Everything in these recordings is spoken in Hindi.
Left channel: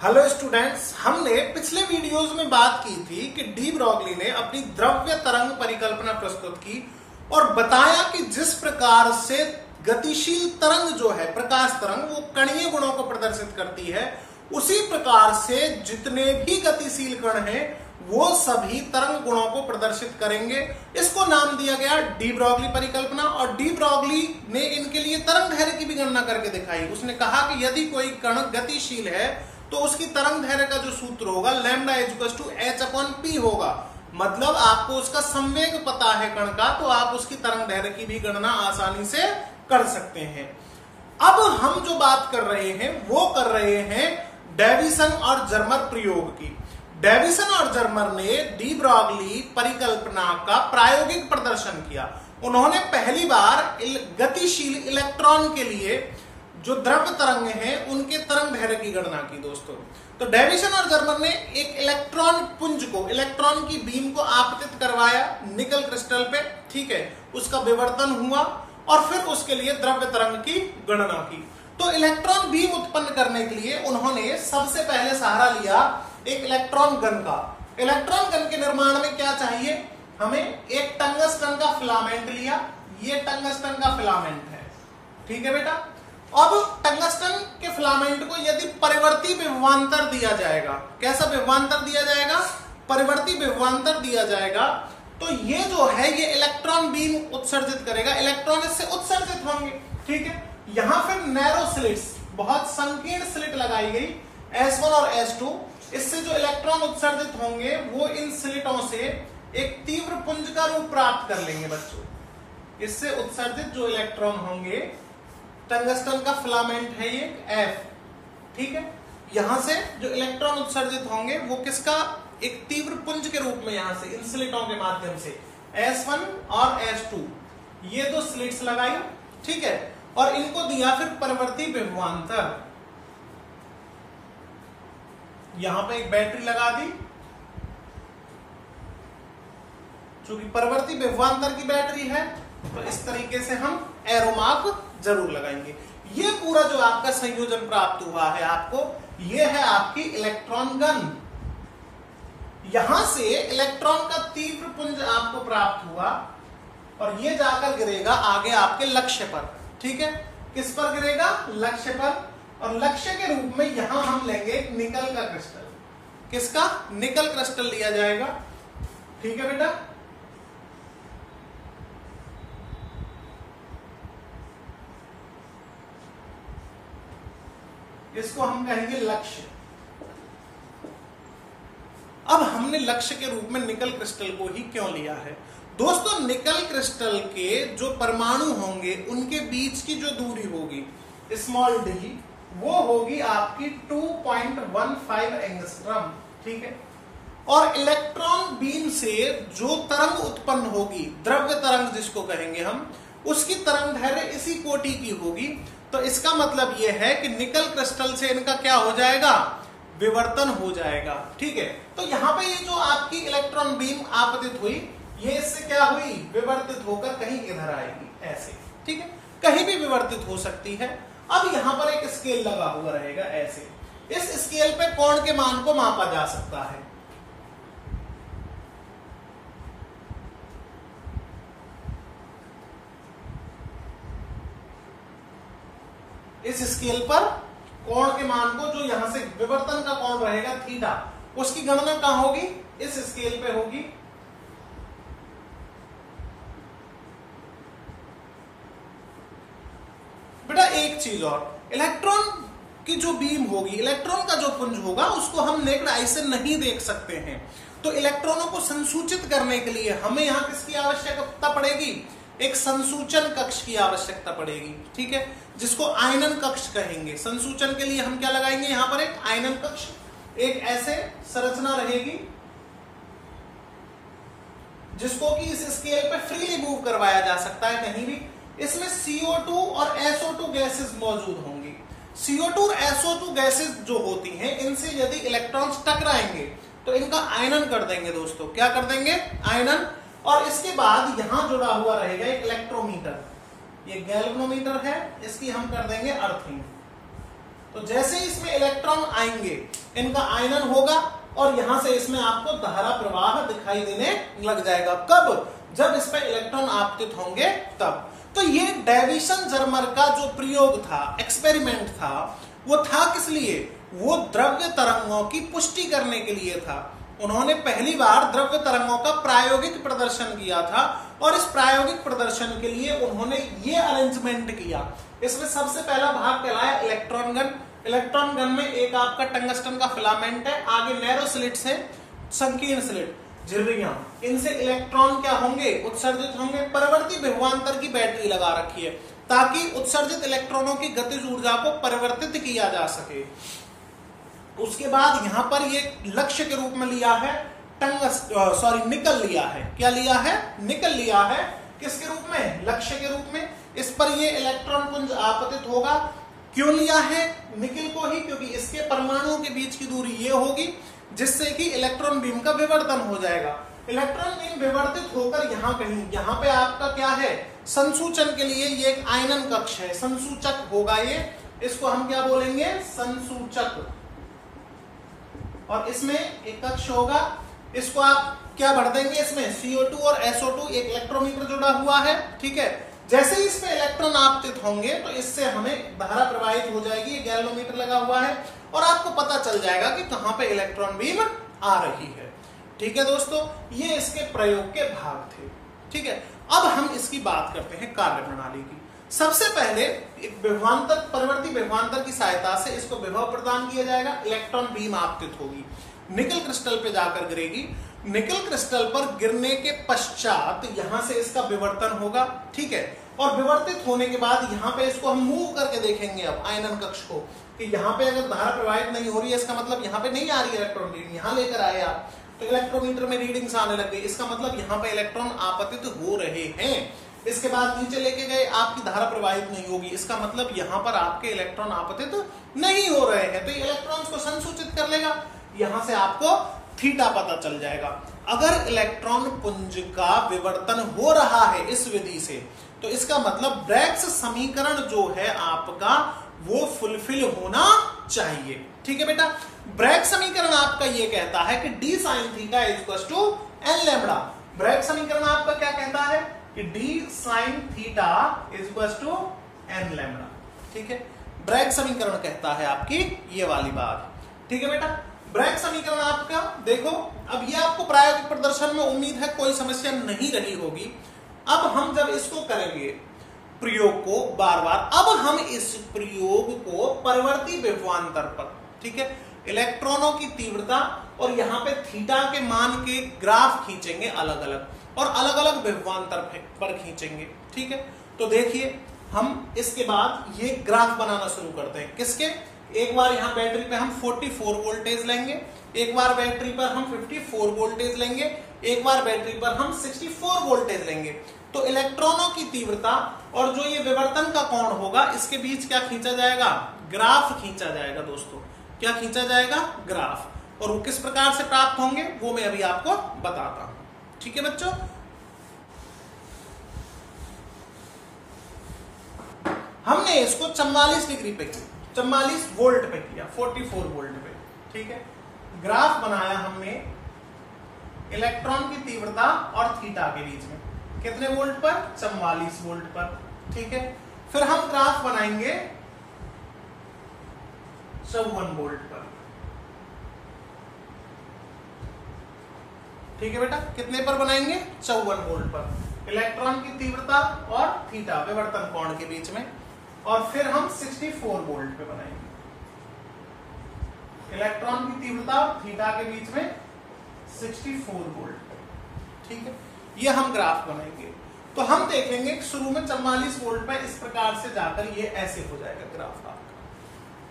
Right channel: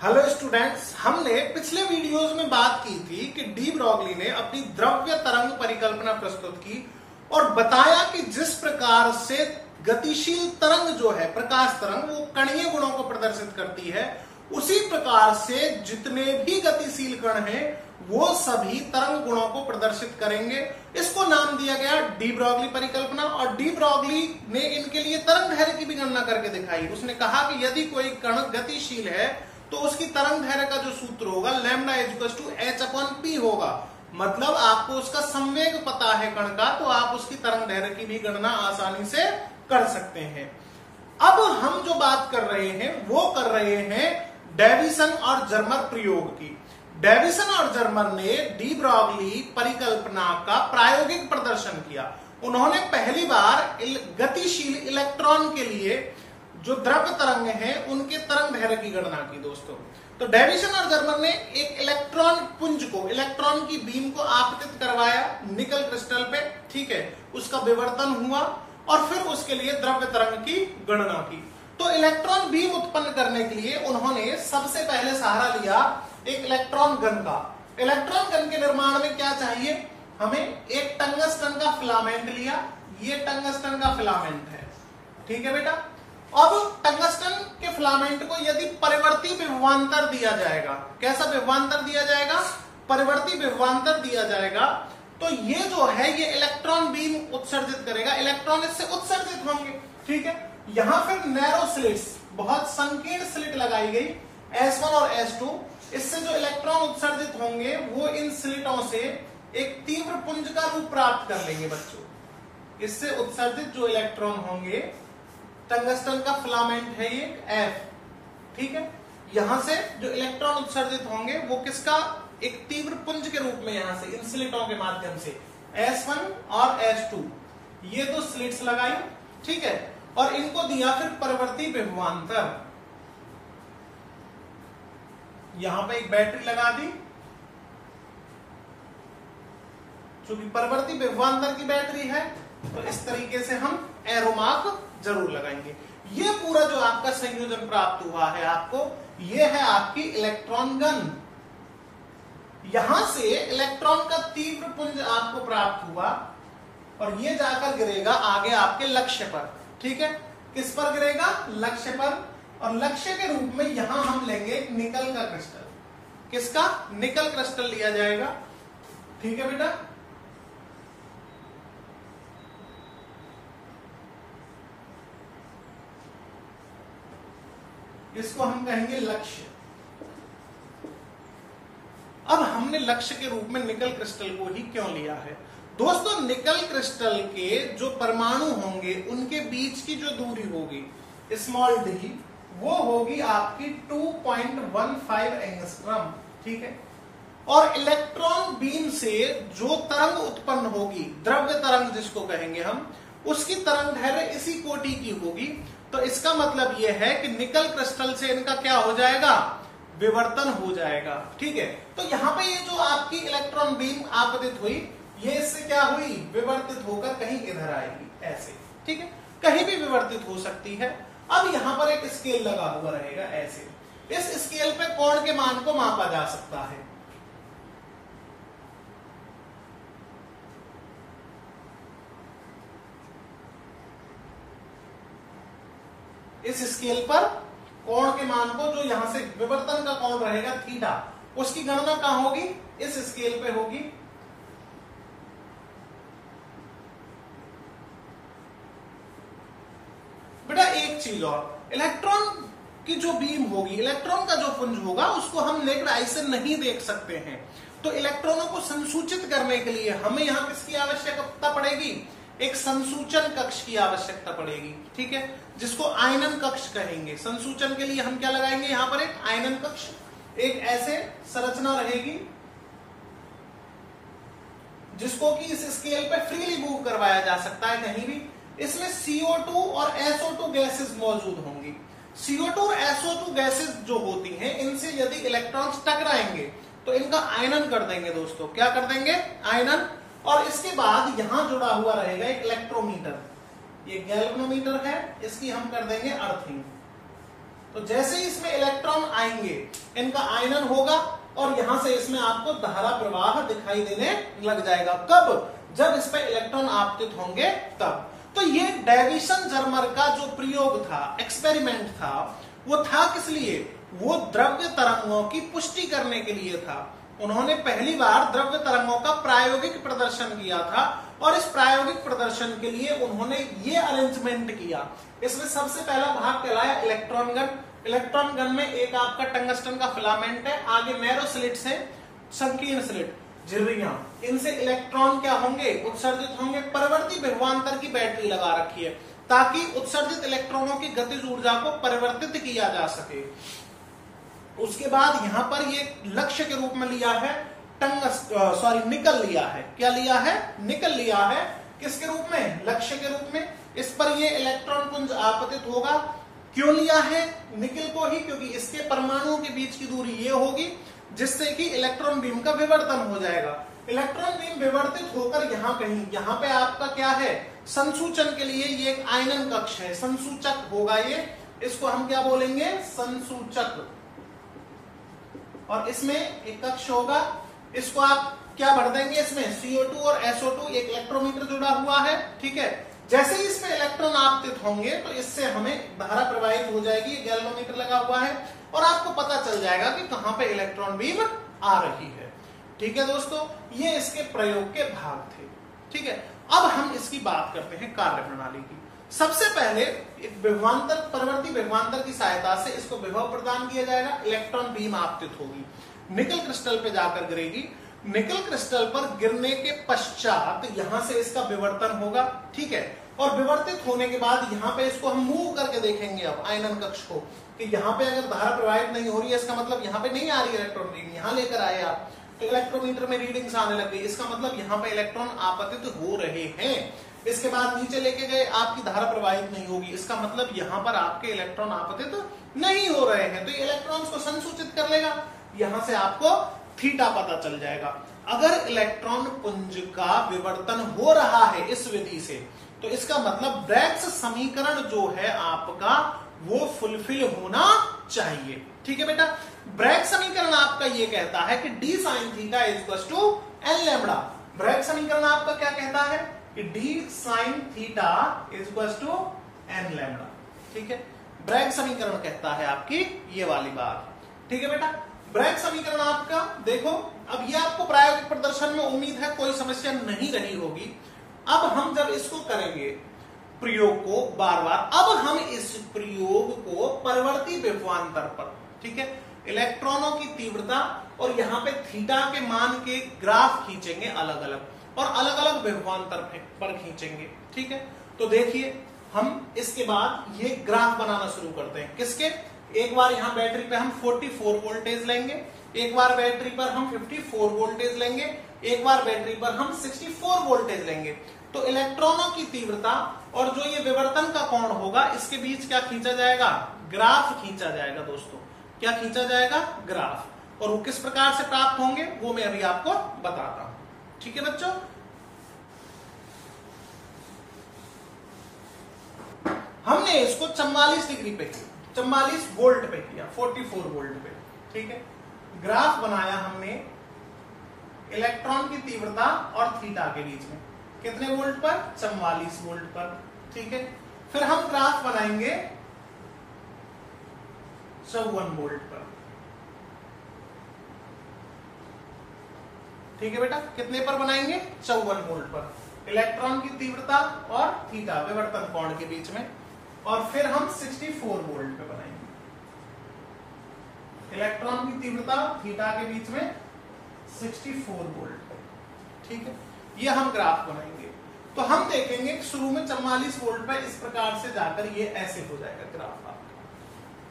हेलो स्टूडेंट्स, हमने पिछले वीडियोस में बात की थी कि डी ब्रॉगली ने अपनी द्रव्य तरंग परिकल्पना प्रस्तुत की और बताया कि जिस प्रकार से गतिशील तरंग जो है प्रकाश तरंग वो कणीय गुणों को प्रदर्शित करती है, उसी प्रकार से जितने भी गतिशील कण हैं वो सभी तरंग गुणों को प्रदर्शित करेंगे। इसको नाम दिया गया डी ब्रॉगली परिकल्पना। और डी ब्रॉगली ने इनके लिए तरंग दैर्घ्य की भी गणना करके दिखाई। उसने कहा कि यदि कोई कण गतिशील है तो उसकी तरंग दैर्घ्य का जो सूत्र होगा लैम्डा h/p होगा। मतलब आपको उसका संवेग पता है कण का, तो आप उसकी तरंग दैर्घ्य की भी गणना आसानी से कर सकते हैं। अब हम जो बात कर रहे हैं वो कर रहे हैं डेविसन और जर्मर प्रयोग की। डेविसन और जर्मर ने डी ब्रॉगली परिकल्पना का प्रायोगिक प्रदर्शन किया। उन्होंने पहली बार गतिशील इलेक्ट्रॉन के लिए जो द्रव्य तरंग हैं उनके तरंग दैर्घ्य की गणना की दोस्तों। तो डेविसन और जर्मर ने एक इलेक्ट्रॉन पुंज को, इलेक्ट्रॉन की बीम को आपतित करवाया निकल क्रिस्टल पे, ठीक है, उसका विवर्तन हुआ और फिर उसके लिए द्रव्य तरंग की गणना की। तो इलेक्ट्रॉन बीम उत्पन्न करने के लिए उन्होंने सबसे पहले सहारा लिया एक इलेक्ट्रॉन गन का। इलेक्ट्रॉन गन के निर्माण में क्या चाहिए हमें? एक टंगस्टन का फिलामेंट लिया। ये टंगस्टन का फिलामेंट है, ठीक है बेटा। अब टंगस्टन के फिलामेंट को यदि परिवर्ती विभवांतर दिया जाएगा, कैसा विभवांतर दिया जाएगा? परिवर्ती विभवांतर दिया जाएगा, तो ये जो है ये इलेक्ट्रॉन बीम उत्सर्जित करेगा, इलेक्ट्रॉन इससे उत्सर्जित होंगे, ठीक है। यहां फिर नैरो स्लिट्स, बहुत संकीर्ण स्लिट लगाई गई S1 और S2। इससे जो इलेक्ट्रॉन उत्सर्जित होंगे वो इन स्लिटों से एक तीव्र पुंज का रूप प्राप्त कर लेंगे बच्चों। इससे उत्सर्जित जो इलेक्ट्रॉन होंगे, टंगस्टन का फिलामेंट है ये F, ठीक है। यहां से जो इलेक्ट्रॉन उत्सर्जित होंगे वो किसका? एक तीव्र पुंज के रूप में यहां से इन स्लिटों के माध्यम से S1 और S2, ये दो स्लिट्स लगाई, ठीक है। और इनको दिया फिर परिवर्ती विभवांतर। यहां पे एक बैटरी लगा दी, चूंकि परिवर्ती विभवांतर की बैटरी है तो इस तरीके से हम एरो मार्क जरूर लगाएंगे। ये पूरा जो आपका संयोजन प्राप्त हुआ है आपको, ये है आपकी इलेक्ट्रॉन गन। यहां से इलेक्ट्रॉन का तीव्र पुंज आपको प्राप्त हुआ और ये जाकर गिरेगा आगे आपके लक्ष्य पर, ठीक है। किस पर गिरेगा? लक्ष्य पर। और लक्ष्य के रूप में यहां हम लेंगे एक निकल का क्रिस्टल। किसका? निकल क्रिस्टल लिया जाएगा, ठीक है बेटा। इसको हम कहेंगे लक्ष्य। अब हमने लक्ष्य के रूप में निकल क्रिस्टल को ही क्यों लिया है दोस्तों? निकल क्रिस्टल के जो परमाणु होंगे उनके बीच की जो दूरी होगी स्मॉल डी, वो होगी आपकी 2.15 एंगस्ट्रॉम, ठीक है। और इलेक्ट्रॉन बीम से जो तरंग उत्पन्न होगी, द्रव्य तरंग जिसको कहेंगे हम, उसकी तरंग दैर्घ्य इसी कोटि की होगी। तो इसका मतलब यह है कि निकल क्रिस्टल से इनका क्या हो जाएगा? विवर्तन हो जाएगा, ठीक है। तो यहां पे ये जो आपकी इलेक्ट्रॉन बीम आपतित हुई, ये इससे क्या हुई? विवर्तित होकर कहीं इधर आएगी, ऐसे, ठीक है। कहीं भी विवर्तित हो सकती है। अब यहां पर एक स्केल लगा हुआ रहेगा ऐसे। इस स्केल पे कोण के मान को मापा जा सकता है। इस स्केल पर कोण के मान को, जो यहां से विवर्तन का कोण रहेगा थीटा, उसकी गणना कहां होगी? इस स्केल पे होगी। बेटा एक चीज और, इलेक्ट्रॉन की जो बीम होगी, इलेक्ट्रॉन का जो पुंज होगा, उसको हम नेक्ड आई से नहीं देख सकते हैं। तो इलेक्ट्रॉनों को संसूचित करने के लिए हमें यहां किसकी आवश्यकता पड़ेगी? एक संसूचन कक्ष की आवश्यकता पड़ेगी, ठीक है, जिसको आयनन कक्ष कहेंगे। संसूचन के लिए हम क्या लगाएंगे? यहां पर एक आयनन कक्ष, एक ऐसे संरचना रहेगी जिसको कि इस स्केल पे फ्रीली मूव करवाया जा सकता है कहीं भी। इसमें CO2 और SO2 गैसेस मौजूद होंगी। CO2 और SO2 गैसेस जो होती हैं, इनसे यदि इलेक्ट्रॉन्स टकराएंगे तो इनका आयनन कर देंगे दोस्तों। क्या कर देंगे? आयनन। और इसके बाद यहां जुड़ा हुआ रहेगा एक इलेक्ट्रोमीटर, ये गैल्वेनोमीटर है, इसकी हम कर देंगे अर्थिंग। तो जैसे ही इसमें इलेक्ट्रॉन आएंगे इनका आयनन होगा और यहां से इसमें आपको धारा प्रवाह दिखाई देने लग जाएगा। कब? जब इस पे इलेक्ट्रॉन आपतित होंगे तब। तो ये डेविसन जर्मर का जो प्रयोग था, एक्सपेरिमेंट था, वो था किस लिए? वो द्रव्य तरंगों की पुष्टि करने के लिए था। उन्होंने पहली बार द्रव्य तरंगों का प्रायोगिक प्रदर्शन किया था और इस प्रायोगिक प्रदर्शन के लिए उन्होंने ये अरेंजमेंट किया। इसमें सबसे पहला भाग कहलाया इलेक्ट्रॉन गन। इलेक्ट्रॉन गन में एक आपका टंगस्टन का फिलामेंट है, आगे नैरो स्लिट्स है, संकीर्ण स्लिट, झिर्रियां, इनसे इलेक्ट्रॉन क्या होंगे? उत्सर्जित होंगे। परवर्ती विभवांतर की बैटरी लगा रखी है ताकि उत्सर्जित इलेक्ट्रॉनों की गतिज ऊर्जा को परिवर्तित किया जा सके। उसके बाद यहां पर ये लक्ष्य के रूप में लिया है निकल लिया है। क्या लिया है? निकल लिया है। किसके रूप में? लक्ष्य के रूप में। इस पर ये इलेक्ट्रॉन पुंज आपतित होगा। क्यों लिया है निकल को ही? क्योंकि इसके परमाणुओं के बीच की दूरी ये होगी जिससे कि इलेक्ट्रॉन बीम का विवर्तन हो जाएगा। इलेक्ट्रॉन बीम विवर्तित होकर यहां पे आपका क्या है? संसूचन के लिए ये एक आयनन कक्ष है, संसूचक होगा ये। इसको हम क्या बोलेंगे? संसूचक। और इसमें एक कक्ष होगा, इसको आप क्या भर देंगे? इसमें CO2 और SO2, एक इलेक्ट्रोमीटर जुड़ा हुआ है। ठीक है, जैसे ही इसमें इलेक्ट्रॉन आपतित होंगे तो इससे हमें धारा प्रवाहित हो जाएगी। गैल्वेनोमीटर लगा हुआ है और आपको पता चल जाएगा कि कहां पे इलेक्ट्रॉन बीम आ रही है। ठीक है दोस्तों, ये इसके प्रयोग के भाग थे। ठीक है, अब हम इसकी बात करते हैं कार्य प्रणाली की। सबसे पहले एक विभवांतर, परवर्ती विभवांतर की सहायता से इसको विभव प्रदान किया जाएगा। इलेक्ट्रॉन बीम आपतित होगी, निकल क्रिस्टल पे जाकर गिरेगी। निकल क्रिस्टल पर गिरने के पश्चात यहां से इसका विवर्तन होगा। ठीक है, और विवर्तित होने के बाद यहां पे इसको हम मूव करके देखेंगे अब आयनन कक्ष को, कि यहां पे अगर धारा प्रवाहित नहीं हो रही है इसका मतलब यहां पे नहीं आ रही इलेक्ट्रॉन बीम। यहां लेकर आए आप तो इलेक्ट्रोमीटर में रीडिंग्स आने लग गई, इसका मतलब यहां पे इलेक्ट्रॉन आपतित हो रहे हैं। इसके बाद नीचे लेके गए, आपकी धारा प्रवाहित नहीं होगी, इसका मतलब यहां पर आपके इलेक्ट्रॉन आपतित नहीं हो रहे हैं। तो ये इलेक्ट्रॉन्स को संसूचित कर लेगा, यहां से आपको थीटा पता चल जाएगा। अगर इलेक्ट्रॉन पुंज का विवर्तन हो रहा है इस विधि से तो इसका मतलब ब्रैग्स समीकरण जो है आपका वो फुलफिल होना चाहिए। ठीक है बेटा, ब्रैग्स समीकरण आपका ये कहता है कि d sin theta equals to n lambda. Bragg's समीकरण आपका क्या कहता है कि d sin theta equals to n lambda. ठीक है, ब्रैग्स समीकरण कहता है आपकी ये वाली बात। ठीक है बेटा, ब्रैग्स समीकरण आपका देखो, अब ये आपको प्रायोगिक प्रदर्शन में उम्मीद है कोई समस्या नहीं रही होगी। अब हम जब इसको करेंगे प्रयोग को बार बार, अब हम इस प्रयोग को परवर्ती विभवांतर पर, ठीक है, इलेक्ट्रॉनों की तीव्रता और यहां पे थीटा के मान के ग्राफ खींचेंगे अलग अलग और अलग अलग विभवांतर पर खींचेंगे। ठीक है, तो देखिए हम इसके बाद ये ग्राफ बनाना शुरू करते हैं। किसके? एक बार यहां बैटरी पे हम 44 वोल्टेज लेंगे, एक बार बैटरी पर हम 54 वोल्टेज लेंगे, एक बार बैटरी पर हम 64 वोल्टेज लेंगे। तो इलेक्ट्रॉनों की तीव्रता और जो ये विवर्तन का कोण होगा इसके बीच क्या खींचा जाएगा? ग्राफ खींचा जाएगा दोस्तों। क्या खींचा जाएगा? ग्राफ। और वो किस प्रकार से प्राप्त होंगे वो मैं अभी आपको बताता हूं। ठीक है बच्चों, हमने इसको 44 डिग्री पे किया, 44 वोल्ट पे किया, 44 वोल्ट पे। ठीक है, ग्राफ बनाया हमने इलेक्ट्रॉन की तीव्रता और थीटा के बीच में। कितने वोल्ट पर? 44 वोल्ट पर। ठीक है, फिर हम ग्राफ बनाएंगे 54 वोल्ट पर। ठीक है बेटा, कितने पर बनाएंगे? 54 वोल्ट पर। इलेक्ट्रॉन की तीव्रता और थीटा विवर्तन कोण के बीच में। और फिर हम 64 वोल्ट पे बनाएंगे। इलेक्ट्रॉन की तीव्रता थीटा के बीच में 64 वोल्ट पे। ठीक है, ये हम ग्राफ बनाएंगे। तो हम देखेंगे कि शुरू में 44 वोल्ट पे इस प्रकार से जाकर ये ऐसे हो जाएगा ग्राफ आपका,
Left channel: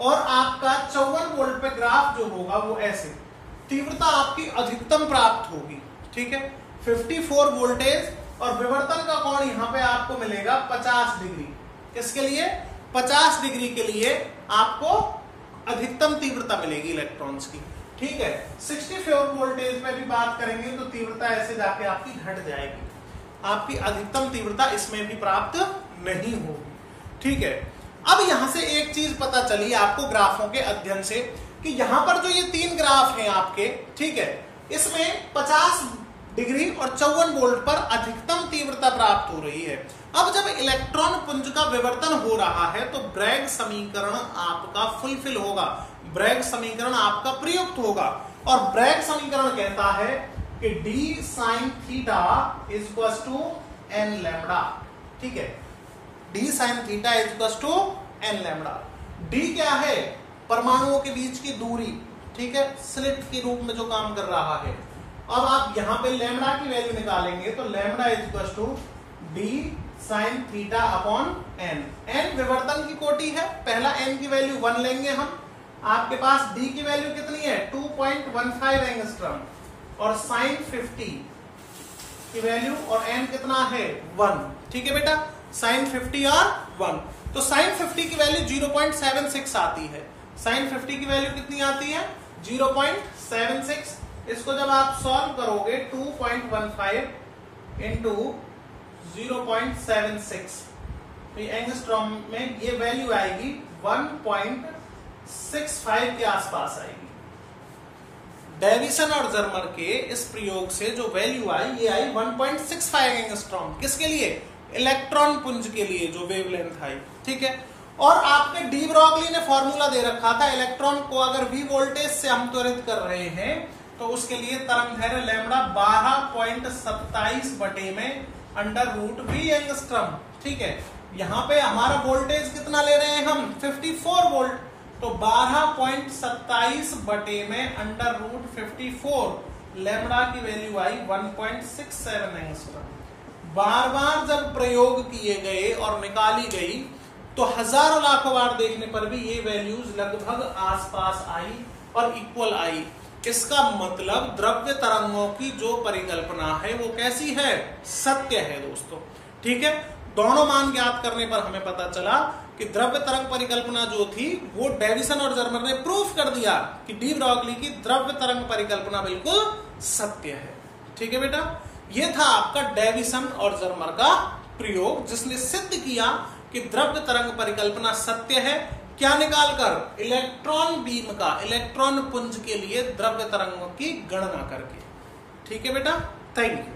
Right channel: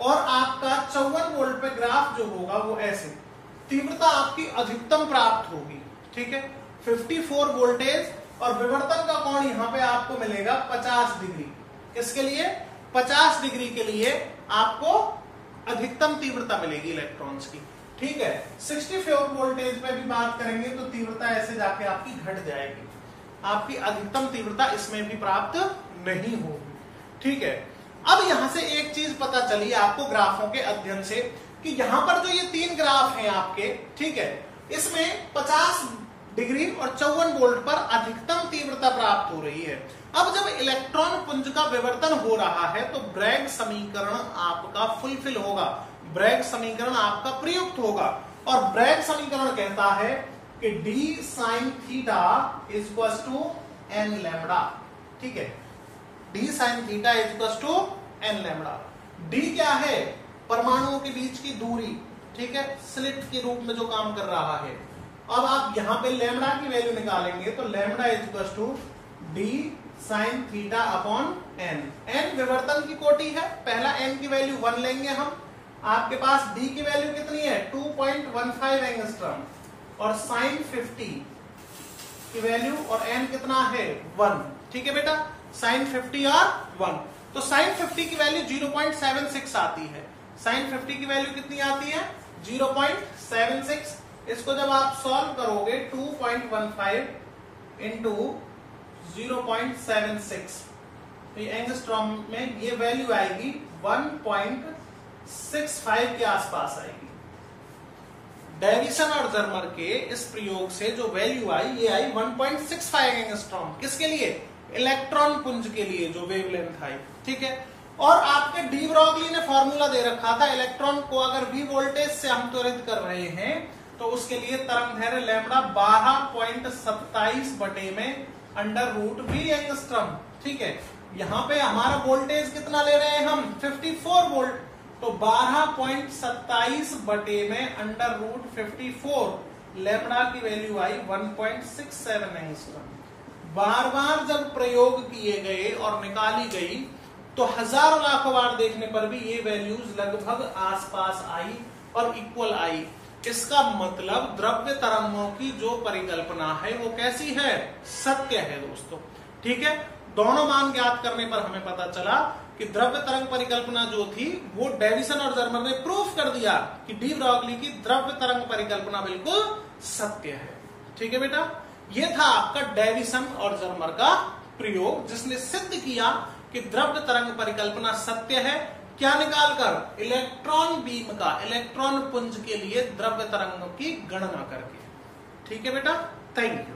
और आपका 54 वोल्ट पे ग्राफ जो होगा वो ऐसे। तीव्रता आपकी अधिकतम प्राप्त होगी। ठीक है, 54 वोल्टेज और विवर्तन का कोण यहां पे आपको मिलेगा 50 डिग्री। किसके लिए? 50 डिग्री के लिए आपको अधिकतम तीव्रता मिलेगी इलेक्ट्रॉन्स की। ठीक है, 64 वोल्टेज पे भी बात करेंगे तो तीव्रता ऐसे जाके आपकी घट जाएगी, आपकी अधिकतम तीव्रता इसमें भी प्राप्त नहीं होगी। ठीक है, अब यहां से एक चीज पता चली आपको ग्राफों के अध्ययन से कि यहां पर जो ये 3 ग्राफ हैं आपके, ठीक है, इसमें 50 डिग्री और 54 वोल्ट पर अधिकतम तीव्रता प्राप्त हो रही है। अब जब इलेक्ट्रॉन पुंज का विवर्तन हो रहा है तो ब्रैग समीकरण आपका फुलफिल होगा, ब्रैग समीकरण आपका प्रयुक्त होगा। और ब्रैग समीकरण कहता है कि d sin theta equal to n lambda, ठीक है, d sin theta equal to n lambda. d क्या है? परमाणुओं के बीच की दूरी, ठीक है, स्लिट के रूप में जो काम कर रहा है। अब आप यहां पे लैम्बडा की वैल्यू निकालेंगे तो lambda equal to d sin theta upon n। n विवर्तन की कोटि है, पहला n की वैल्यू 1 लेंगे हम। आपके पास d की वैल्यू कितनी है? 2.15 एंगस्ट्रॉम और sin 50 की वैल्यू और n कितना है? 1, ठीक है बेटा, sin 50 और 1। तो sin 50 की वैल्यू 0.76 आती है, sin 50 की वैल्यू कितनी आती है? 0.76। इसको जब आप सॉल्व करोगे 2.15 इंटू 0.76 तो एंगस्ट्रॉम में ये वैल्यू आएगी 1.65 के आसपास आएगी। डेविसन और जर्मर के इस प्रयोग से जो वैल्यू आई ये आई 1.65 एंगस्ट्रॉम। किसके लिए? इलेक्ट्रॉन पुंज के लिए जो वेवलेंथ आई, ठीक है। और आपके डी ब्रॉगली ने फॉर्मूला दे रखा था, इलेक्ट्रॉन को अगर v वोल्टेज से हम त्वरित कर रहे हैं तो उसके लिए तरंग दैर्घ्य लैम्बडा 12.27 बटे में अंडर रूट v एंगस्ट्रॉम, ठीक है। यहां पे हमारा वोल्टेज कितना ले रहे हैं हम? 54 वोल्ट, तो 12.27 बटे में अंडर रूट 54 लैम्बडा की वैल्यू आई 1.67 एंगस्ट्रॉम। बार बार जब प्रयोग किए गए और निकाली गई तो हजारों लाखों बार देखने पर भी ये वैल्यूज लगभग आसपास आई और इक्वल आई। इसका मतलब द्रव्य तरंगों की जो परिकल्पना है वो कैसी है? सत्य है दोस्तों, ठीक है। दोनों मान ज्ञात करने पर हमें पता चला कि द्रव्य तरंग परिकल्पना जो थी वो डेविसन और जर्मर ने प्रूफ कर दिया कि डी ब्रॉगली की द्रव्य तरंग परिकल्पना बिल्कुल सत्य है, ठीक है बेटा। ये था आपका डेविसन और जर्मर का प्रयोग जिसने सिद्ध किया कि द्रव्य तरंग परिकल्पना सत्य है। क्या निकालकर? इलेक्ट्रॉन बीम का, इलेक्ट्रॉन पुंज के लिए द्रव्य तरंगों की गणना करके, ठीक है बेटा। Thank you.